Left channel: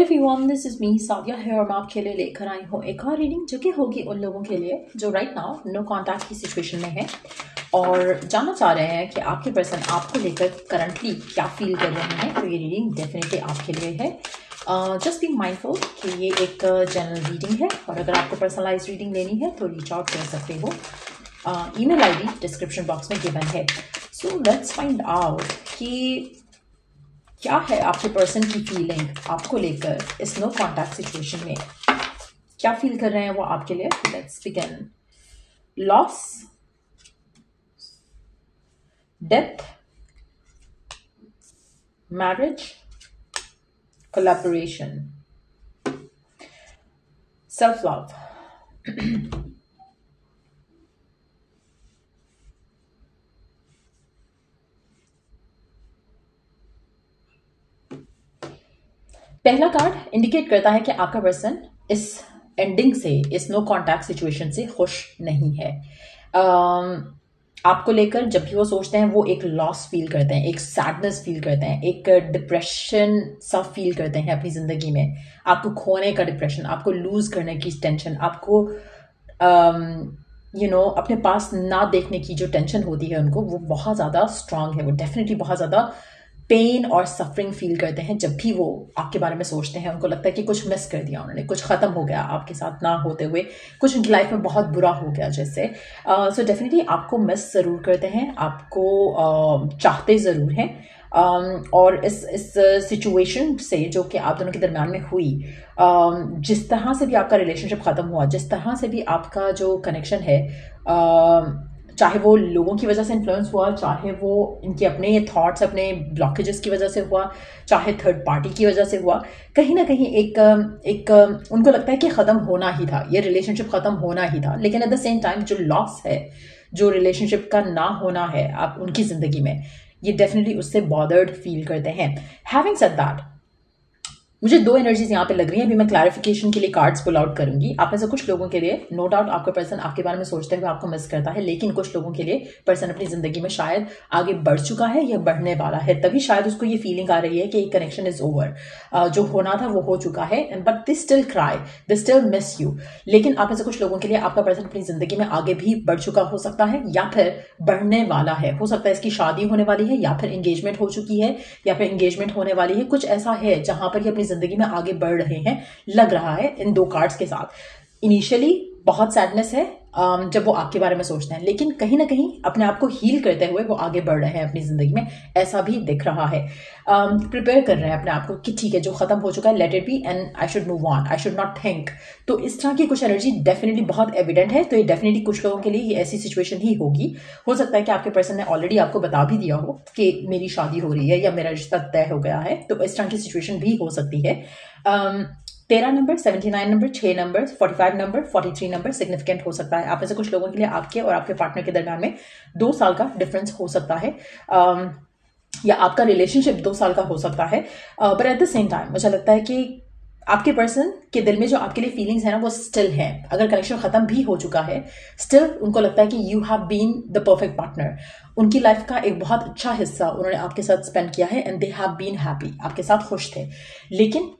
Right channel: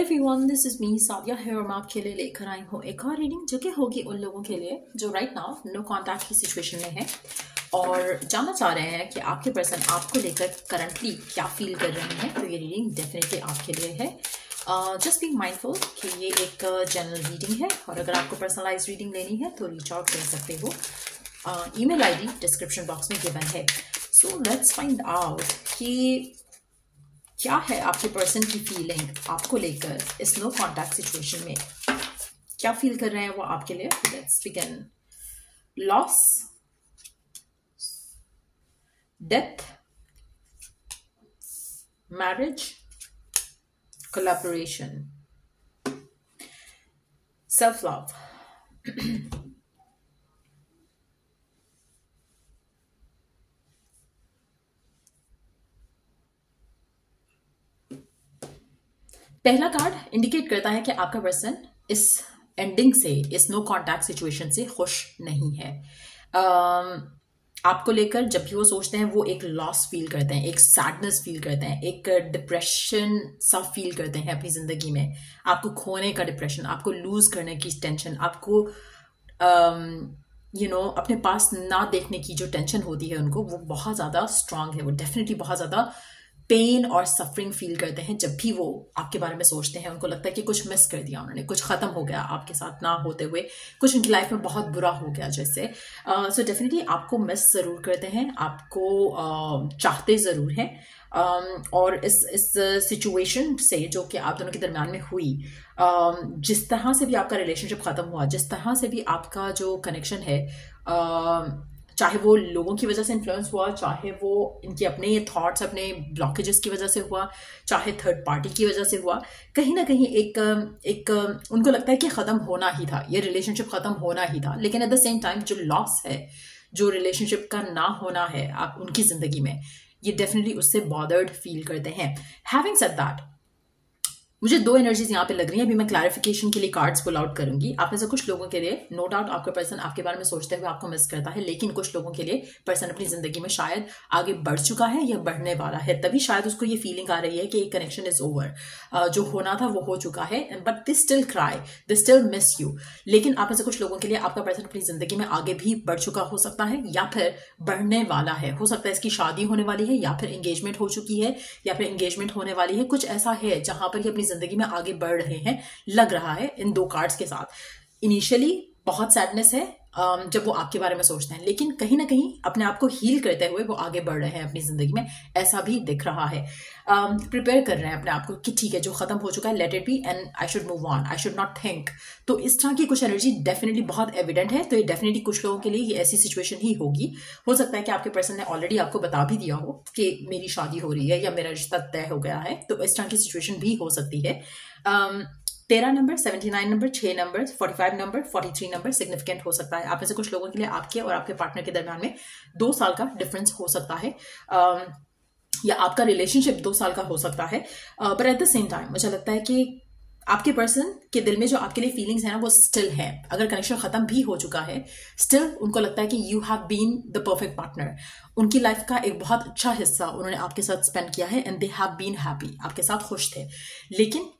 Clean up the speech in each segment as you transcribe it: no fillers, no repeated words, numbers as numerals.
Everyone, this is me Sadia है और मैं आपके लिए लेकर आई हूँ एक और रीडिंग जो कि होगी उन लोगों के लिए जो राइट नाउ नो कांटेक्ट की सिचुएशन में है और जानना चाह रहे हैं कि आपके पर्सन आपको लेकर करंटली क्या फील कर रहे हैं। तो ये रीडिंग डेफिनेटली आपके लिए है। जस्ट बी माइंडफुल कि ये एक जनरल रीडिंग है और अगर आपको पर्सनलाइज रीडिंग लेनी है तो रीच आउट कर सकते हो। ईमेल आईडी डिस्क्रिप्शन बॉक्स में गिवन है। सो लेट्स फाइंड आउट कि क्या है आपके पर्सन की फीलिंग आपको लेकर इस नो कॉन्टैक्ट सिचुएशन में। क्या फील कर रहे हैं वो आपके लिए। Let's begin. Loss, death, marriage, collaboration, self love. पहला कार्ड इंडिकेट करता है कि आपका पर्सन इस एंडिंग से, इस नो कॉन्टैक्ट सिचुएशन से खुश नहीं है। आपको लेकर जब भी वो सोचते हैं वो एक लॉस फील करते हैं, एक सैडनेस फील करते हैं, एक डिप्रेशन सा फील करते हैं अपनी जिंदगी में। आपको खोने का डिप्रेशन, आपको लूज करने की टेंशन, आपको अपने पास ना देखने की जो टेंशन होती है उनको, वो बहुत ज़्यादा स्ट्रांग है। वो डेफिनेटली बहुत ज़्यादा पेन और सफरिंग फील करते हैं जब भी वो आपके बारे में सोचते हैं। उनको लगता है कि कुछ मिस कर दिया उन्होंने, कुछ खत्म हो गया आपके साथ ना होते हुए, कुछ उनकी लाइफ में बहुत बुरा हो गया जैसे। सो डेफिनेटली आपको मिस ज़रूर करते हैं, आपको चाहते ज़रूर हैं। और इस सिचुएशन से जो कि आप दोनों के दरम्यान में हुई, जिस तरह से भी आपका रिलेशनशिप ख़त्म हुआ, जिस तरह से भी आपका जो कनेक्शन है, चाहे वो लोगों की वजह से इन्फ्लुएंस हुआ, चाहे वो इनके अपने ये थॉट्स, अपने ब्लॉकेजेस की वजह से हुआ, चाहे थर्ड पार्टी की वजह से हुआ, कहीं ना कहीं एक उनको लगता है कि ख़त्म होना ही था, ये रिलेशनशिप ख़त्म होना ही था। लेकिन एट द सेम टाइम जो लॉस है, जो रिलेशनशिप का ना होना है आप उनकी ज़िंदगी में, ये डेफिनेटली उससे बॉदर्ड फील करते हैं। हैविंग सेड दैट, मुझे दो एनर्जीज यहाँ पे लग रही हैं। अभी मैं क्लैरिफिकेशन के लिए कार्ड्स पुल आउट करूंगी। आप में से कुछ लोगों के लिए नो डाउट आपका पर्सन आपके बारे में सोचते हुए आपको मिस करता है, लेकिन कुछ लोगों के लिए पर्सन अपनी जिंदगी में शायद आगे बढ़ चुका है या बढ़ने वाला है, तभी शायद उसको ये फीलिंग आ रही है कि कनेक्शन इज ओवर, जो होना था वो हो चुका है, but they still cry, they still miss you. लेकिन आप में से कुछ लोगों के लिए आपका पर्सन अपनी जिंदगी में आगे भी बढ़ चुका हो सकता है या फिर बढ़ने वाला है। हो सकता है इसकी शादी होने वाली है या फिर एंगेजमेंट हो चुकी है या फिर एंगेजमेंट होने वाली है। कुछ ऐसा है जहां पर ये अपनी जिंदगी में आगे बढ़ रहे हैं, लग रहा है इन दो कार्ड्स के साथ। इनिशियली बहुत सैडनेस है जब वो आपके बारे में सोचते हैं, लेकिन कहीं ना कहीं अपने आप को हील करते हुए वो आगे बढ़ रहे हैं अपनी जिंदगी में, ऐसा भी दिख रहा है। प्रिपेयर कर रहे हैं अपने आप को कि ठीक है, जो खत्म हो चुका है let it be and I should move on, I should not think. तो इस तरह की कुछ एनर्जी डेफिनेटली बहुत एविडेंट है। तो ये डेफिनेटली कुछ लोगों के लिए ये ऐसी सिचुएशन ही होगी। हो सकता है कि आपके पर्सन ने ऑलरेडी आपको बता भी दिया हो कि मेरी शादी हो रही है या मेरा रिश्ता तय हो गया है, तो इस तरह की सिचुएशन भी हो सकती है। 13 number, 79 number, 6 number, 45 number, 43 number significant हो सकता है। आप में से कुछ लोगों के लिए आपके और आपके पार्टनर के दरम्यान में 2 साल का डिफरेंस हो सकता है, या आपका रिलेशनशिप 2 साल का हो सकता है। But at the same time मुझे लगता है कि आपके पर्सन के दिल में जो आपके लिए फीलिंग्स है ना, वो स्टिल है। अगर कनेक्शन खत्म भी हो चुका है, स्टिल उनको लगता है कि you have been the perfect partner. उनकी लाइफ का एक बहुत अच्छा हिस्सा उन्होंने आपके साथ स्पेंड किया है and they have been happy, आपके साथ खुश थे। लेकिन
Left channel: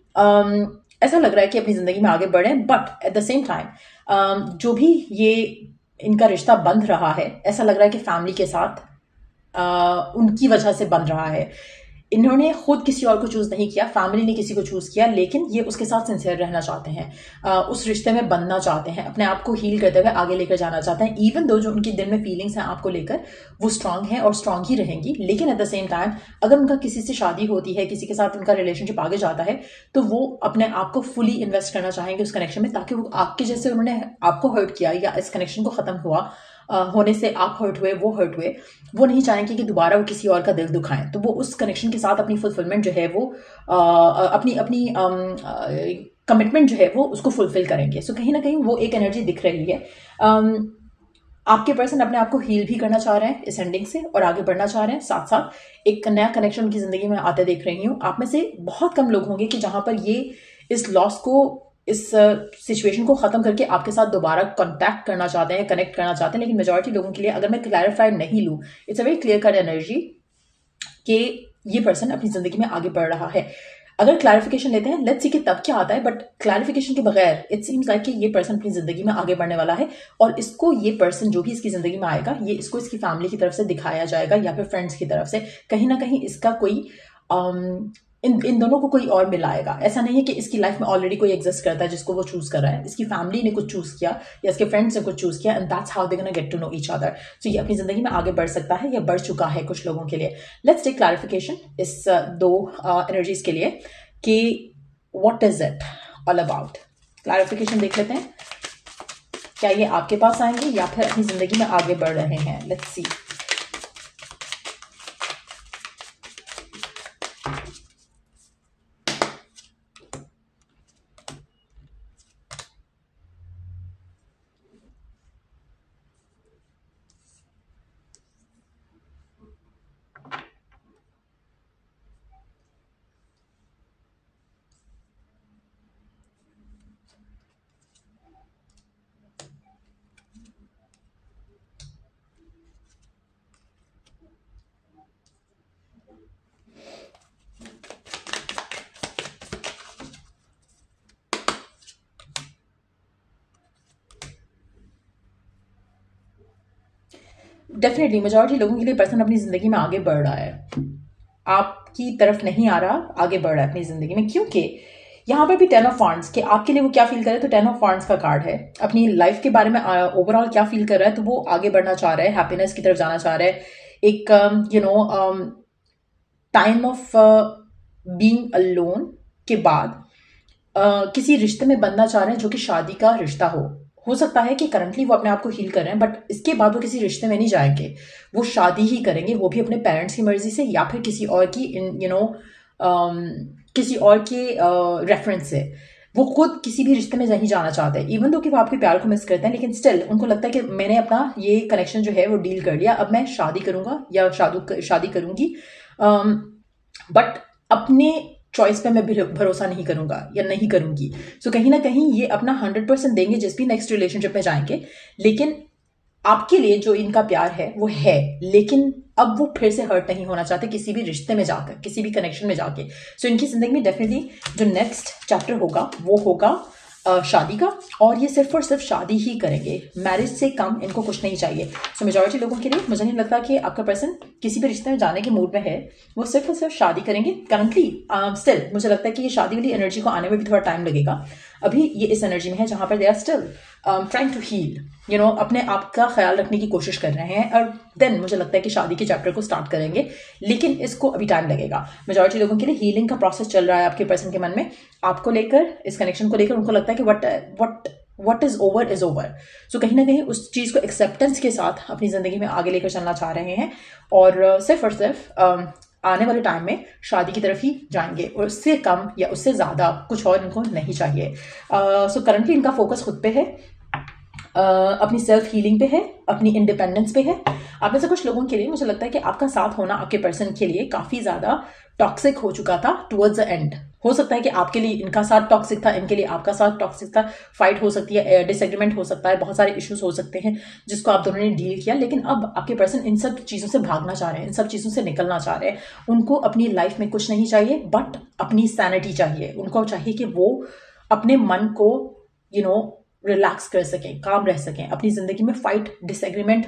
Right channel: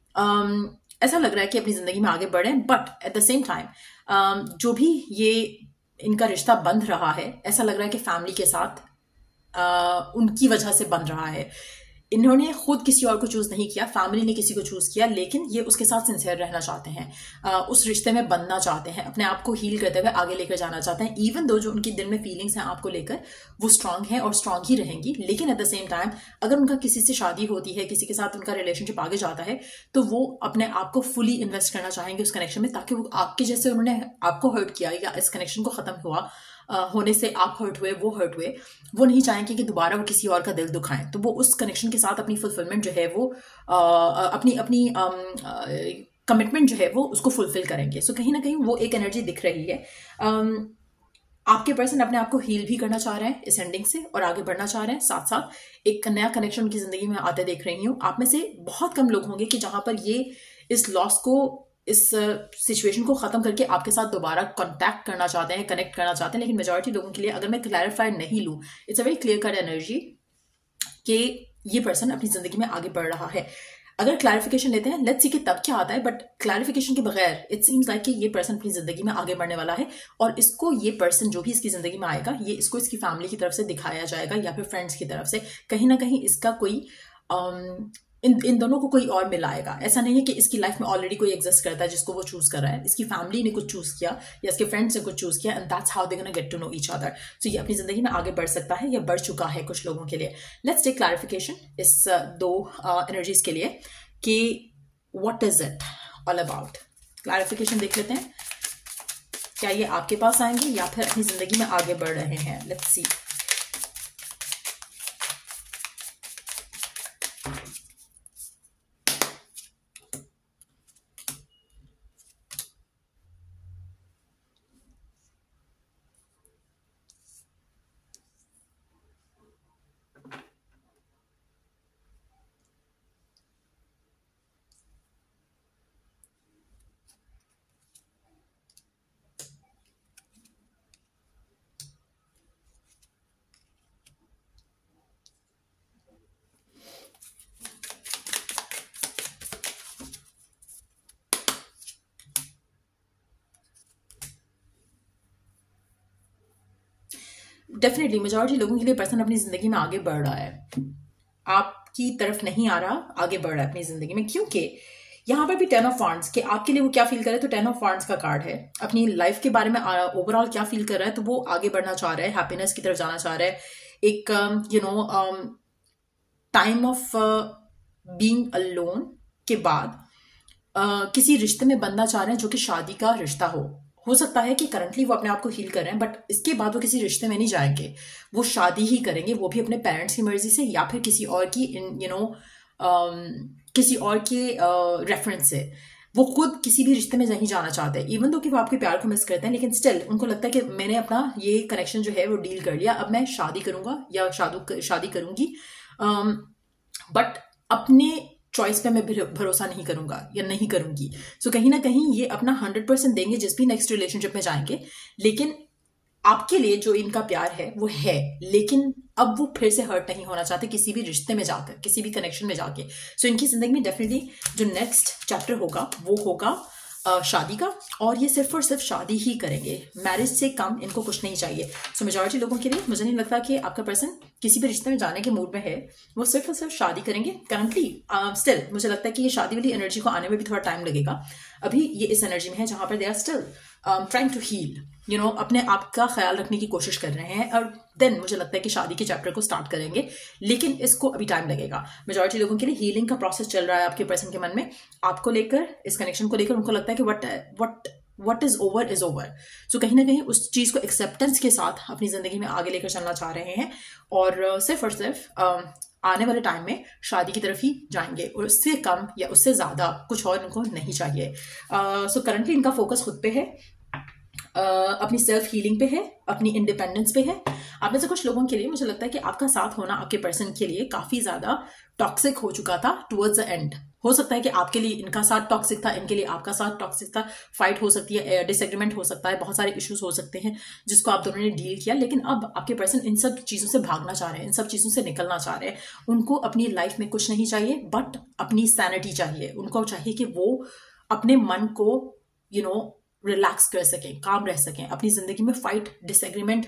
ऐसा लग रहा है कि अपनी जिंदगी में आगे बढ़े, but at the same time जो भी ये इनका रिश्ता बंध रहा है, ऐसा लग रहा है कि फैमिली के साथ उनकी वजह से बन रहा है। इन्होंने खुद किसी और को चूज नहीं किया, फैमिली ने किसी को चूज किया, लेकिन ये उसके साथ सिंसियर रहना चाहते हैं, उस रिश्ते में बनना चाहते हैं, अपने आप को हील करते हुए आगे लेकर जाना चाहते हैं। इवन दो जो उनकी दिल में फीलिंग्स हैं आपको लेकर, वो स्ट्रांग है और स्ट्रांग ही रहेंगी। लेकिन एट द सेम टाइम अगर उनका किसी से शादी होती है, किसी के साथ उनका रिलेशनशिप आगे जाता है, तो वो अपने आप को फुली इन्वेस्ट करना चाहेंगे उस कनेक्शन में, ताकि वो आपके जैसे उन्होंने आपको हर्ट किया या इस कनेक्शन को खत्म हुआ होने से आप हर्ट हुए, वो हर्ट हुए, वो नहीं चाहेंगे कि दोबारा वो किसी और का दिल दुखाएं। तो वो उस कनेक्शन के साथ अपनी फुलफिलमेंट जो है वो अपनी कमिटमेंट जो है वो उसको फुलफिल करेंगे। सो कहीं ना कहीं वो एक एनर्जी दिख रही है। आपके पर्सन अपने आप को हील भी करना चाह रहे हैं इस एंडिंग से और आगे बढ़ना चाह रहे हैं, साथ साथ एक नया कनेक्शन उनकी जिंदगी में आते देख रही हूँ। आप में से बहुत कम लोग होंगे कि जहां पर ये इस लॉस को, इस सिचुएशन को खत्म करके आपके साथ दोबारा कांटेक्ट करना चाहते हैं, कनेक्ट करना चाहते हैं। लेकिन मेजॉरिटी लोगों के लिए, अगर मैं क्लैरिफाइड नहीं लूँ, it's a very clear cut energy कि ये पर्सन अपनी जिंदगी में आगे बढ़ रहा है। अगर क्लैरिफिकेशन लेते हैं, लेट्स सी कि तब क्या आता है, बट क्लैरिफिकेशन के बगैर इट सीम्स लाइक कि ये पर्सन अपनी जिंदगी में आगे बढ़ने वाला है, और इसको ये पर्सन जो भी इसकी जिंदगी में आएगा, ये इसको इसकी फैमिली की तरफ से दिखाया जाएगा या फिर फ्रेंड्स की तरफ से, कहीं ना कहीं इसका कोई इन दोनों को कोई और मिलाएगा। ऐसा नहीं है कि इसकी लाइफ में ऑलरेडी कोई एग्जिस्ट करता है जिसको वो चूज कर रहा है, इसकी फैमिली ने कुछ चूज किया या इसके फ्रेंड्स ने कुछ चूज किया, and that's how they gonna get to know each other. So ये अपनी जिंदगी में आगे बढ़ सकता है या बढ़ चुका है कुछ लोगों के लिए। लेट्स टेक क्लैरिफिकेशन इस दो एनर्जीज के लिए कि what is it all about. Clarification देख लेते हैं, क्या ये आपके पास आएंगे या फिर अपनी जिंदगी में आगे बढ़ रहे हैं। Let's see. डेफिनेटली मेजॉरिटी लोगों के लिए पर्सन अपनी जिंदगी में आगे बढ़ रहा है, आपकी तरफ नहीं आ रहा, आगे बढ़ रहा है अपनी जिंदगी में। क्योंकि यहाँ पर भी 10 ऑफ वांड्स के आपके लिए वो क्या फील कर रहा है, तो 10 ऑफ वांड्स का कार्ड है। अपनी लाइफ के बारे में ओवरऑल क्या फील कर रहा है, तो वो आगे बढ़ना चाह रहा है, हैप्पीनेस की तरफ जाना चाह रहा है, एक टाइम ऑफ बीइंग अलोन के बाद किसी रिश्ते में बनना चाह रहे हैं जो कि शादी का रिश्ता हो सकता है कि करंटली वो अपने आप को हील कर रहे हैं, बट इसके बाद वो किसी रिश्ते में नहीं जाएंगे, वो शादी ही करेंगे, वो भी अपने पेरेंट्स की मर्जी से या फिर किसी और की किसी और के रेफरेंस से। वो खुद किसी भी रिश्ते में नहीं जाना चाहते हैं, इवन दो कि वो आपके प्यार को मिस करते हैं, लेकिन स्टिल उनको लगता है कि मैंने अपना ये कनेक्शन जो है वो डील कर लिया, अब मैं शादी करूंगा या शादी करूंगी, बट अपने चॉइस पे मैं भरोसा नहीं करूंगा या नहीं करूंगी। सो कहीं ना कहीं ये अपना 100% देंगे जिस भी नेक्स्ट रिलेशनशिप में जाएंगे, लेकिन आपके लिए जो इनका प्यार है वो है, लेकिन अब वो फिर से हर्ट नहीं होना चाहते किसी भी रिश्ते में जाकर, किसी भी कनेक्शन में जाके। सो इनकी जिंदगी में डेफिनेटली जो नेक्स्ट चैप्टर होगा वो होगा शादी का, और ये सिर्फ और सिर्फ शादी ही करेंगे, मैरिज से कम इनको कुछ नहीं चाहिए। सो मेजॉरिटी लोगों के लिए मुझे नहीं लगता कि आपका पर्सन किसी भी रिश्ते में जाने के मूड में है, वो सिर्फ और सिर्फ शादी करेंगे करंटली। स्टिल मुझे लगता है कि ये शादी वाली एनर्जी को आने में भी थोड़ा टाइम लगेगा। अभी ये इस एनर्जी में है जहां पर they are still trying to heal, अपने आप का ख्याल रखने की कोशिश कर रहे हैं, और देन मुझे लगता है कि शादी के चैप्टर को स्टार्ट करेंगे, लेकिन इसको अभी टाइम लगेगा। मेजॉरिटी लोगों के लिए हीलिंग का प्रोसेस चल रहा है आपके पर्सन के मन में, आपको लेकर, इस कनेक्शन को लेकर। उनको लगता है कि वट इज ओवर। सो कहीं ना कहीं उस चीज को एक्सेप्टेंस के साथ अपनी जिंदगी में आगे लेकर चलना चाह रहे हैं, और सिर्फ आने वाले टाइम में शादी की तरफ ही जाएंगे, और उससे कम या उससे ज्यादा कुछ और उनको नहीं चाहिए। सो करंटली इनका फोकस खुद पे है, अपनी सेल्फ हीलिंग पे है, अपनी इंडिपेंडेंस पे है। आप में से कुछ लोगों के लिए मुझे लगता है कि आपका साथ होना आपके पर्सन के लिए काफी ज्यादा टॉक्सिक हो चुका था टुवर्ड्स द एंड। हो सकता है कि आपके लिए इनका साथ टॉक्सिक था, इनके लिए आपका साथ टॉक्सिक था, फाइट हो सकती है, डिसएग्रीमेंट हो सकता है, बहुत सारे इश्यूज हो सकते हैं जिसको आप दोनों ने डील किया, लेकिन अब आपके पर्सन इन सब चीजों से भागना चाह रहे हैं, इन सब चीजों से निकलना चाह रहे हैं। उनको अपनी लाइफ में कुछ नहीं चाहिए बट अपनी सैनिटी चाहिए। उनको चाहिए कि वो अपने मन को रिलैक्स कर सकें, काम रह सकें, अपनी जिंदगी में फाइट, डिसएग्रीमेंट,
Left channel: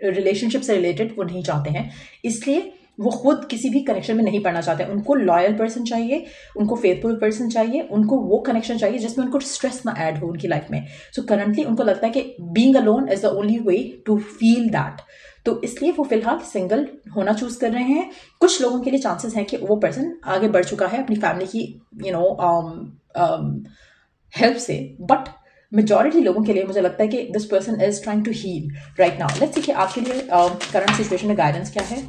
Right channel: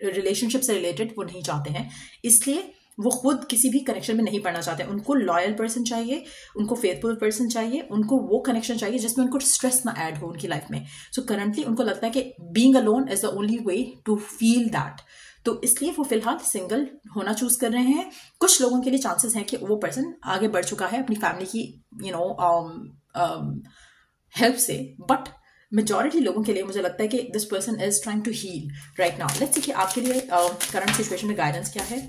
रिलेशनशिप से रिलेटेड वो नहीं चाहते हैं, इसलिए वो खुद किसी भी कनेक्शन में नहीं पड़ना चाहते। उनको लॉयल पर्सन चाहिए, उनको फेथफुल पर्सन चाहिए, उनको वो कनेक्शन चाहिए जिसमें उनको स्ट्रेस ना ऐड हो उनकी लाइफ में। सो करंटली उनको लगता है कि being alone is the only way to feel that, तो इसलिए वो फिलहाल सिंगल होना चूज कर रहे हैं। कुछ लोगों के लिए चांसेस हैं कि वो पर्सन आगे बढ़ चुका है अपनी फैमिली की हेल्प से, बट मेजॉरिटी लोगों के लिए मुझे लगता है कि this person is trying to heal right now. Let's see कि आपके लिए करंट सिचुएशन में गाइडेंस क्या है।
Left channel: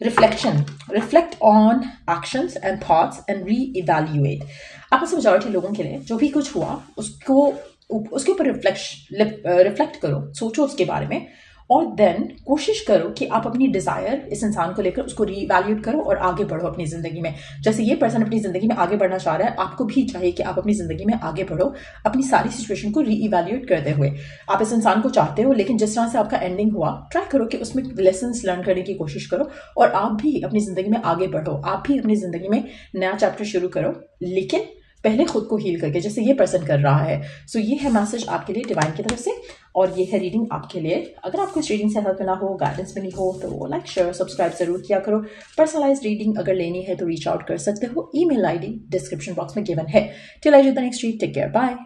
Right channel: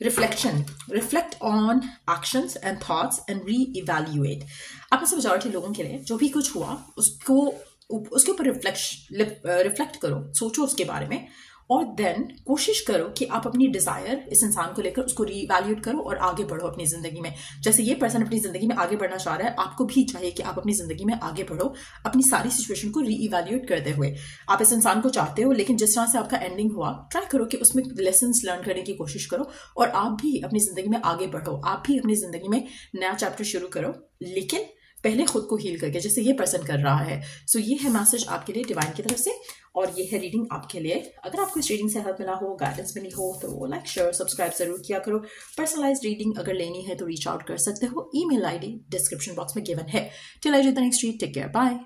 Reflect on actions and thoughts and re-evaluate. आप में से मेजॉरिटी लोगों के लिए जो भी कुछ हुआ उसके ऊपर रिफ्लेक्ट करो, सोचो उसके बारे में, और देन कोशिश करो कि आप अपनी डिजायर इस इंसान को लेकर उसको रीवैल्यूएट करो और आगे बढ़ो अपनी जिंदगी में। जैसे ये पर्सन अपनी जिंदगी में आगे बढ़ना चाह रहा है, आपको भी चाहिए कि आप अपनी जिंदगी में आगे बढ़ो अपनी सारी सिचुएशन को रीइवैल्यूएट करते हुए। आप इस इंसान को चाहते हो, लेकिन जिस तरह से आपका एंडिंग हुआ, ट्राई करो कि उसमें लेसन्स लर्न करने की कोशिश करो और आप भी अपनी जिंदगी में आगे बढ़ो, आप भी अपनी जिंदगी में नया चैप्टर शुरू करो, लेकिन पहले खुद को हील करके, जैसे ये पर्सन कर रहा है। सो ये है मैसेज आपके लिए डिवाइन की तरफ से, और ये है रीडिंग आपके लिए। अगर आपको इस रीडिंग से हेल्प मिला हो, गाइडेंस मिली हो, तो लाइक शेयर सब्सक्राइब जरूर किया करो। पर्सनलाइज्ड रीडिंग अगर लेनी है तो रीच आउट कर सकते हो, ईमेल आईडी डिस्क्रिप्शन बॉक्स में गिवन है। Till I do the next read, take care, bye.